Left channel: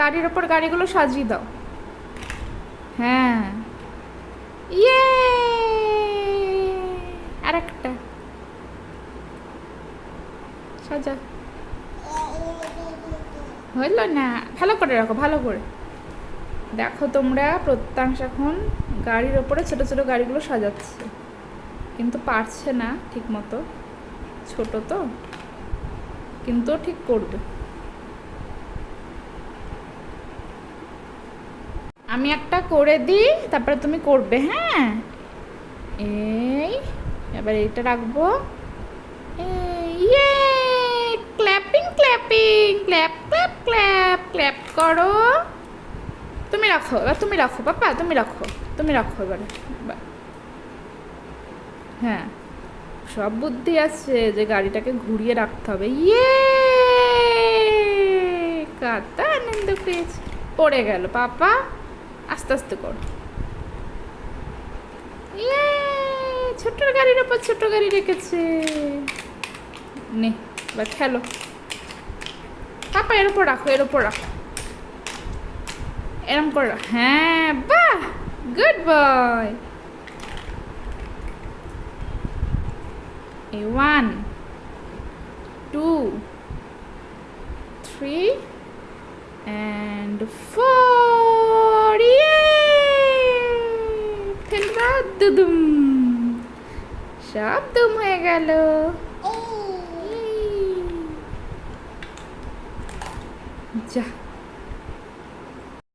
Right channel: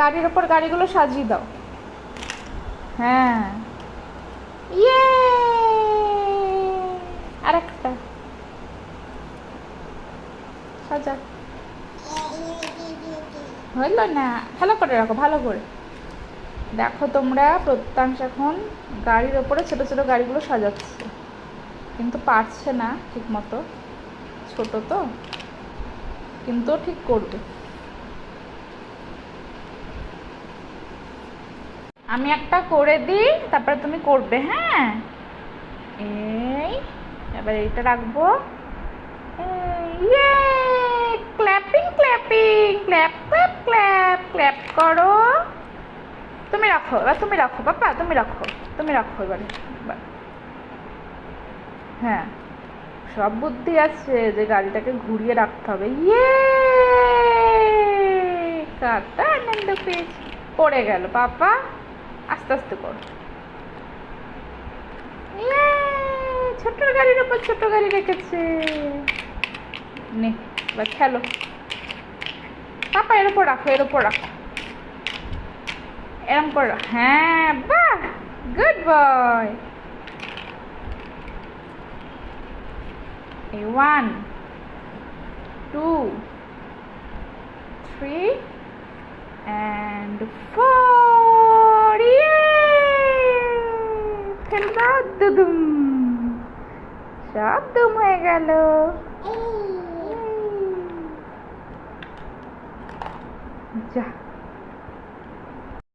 গাড়ির ওপর গাড়িগুলো সাজিয়ে দাও। হ্যাঁ, ইয়ে, আর একটা সাজা। হইল না, ভালো করে রাখো, ভালো করে। দেখো তোমরা, প্রত্যাংশ এখন গাড়ির ওপরে ছোট ছোট গাড়িগুলো সাজাচ্ছে, কিন্তু পারছে না ঠিক মতো, ছোট তো, কিন্তু ঠিক করবে। আমি একটা করে দিই, তারপরে তুমি করবে। হ্যাঁ, এই এবার এইটা রাখবো। ইয়ে, clapping clapping, clap clap clap, clap করো। তুমি রাখো, এবার তুমি রাখো পাপা, তুমি রাখো, তুমি রাখো এবার। হ্যাঁ, সব বুদ্ধি আছে যে গাড়িটাকে ঘুরিয়ে রাখতে হবে। ইয়ে, কত আনন্দ পেয়েছি। পড়ে গেল পাপা, আস্তে আস্তে করো। ইয়ে, ছোট গাড়ির ওপর ছোট গাড়ি রেখেছে। নে, এবার খেলো পাপা, এর উপর রাখো, এর উপর রাখো, এরম করে রাখো। হ্যাঁ, বাহ, গুড বয়। এই 1 2 3 and 4, ফেলবা, দুদুম, সব দুম হয়ে গেল। যা।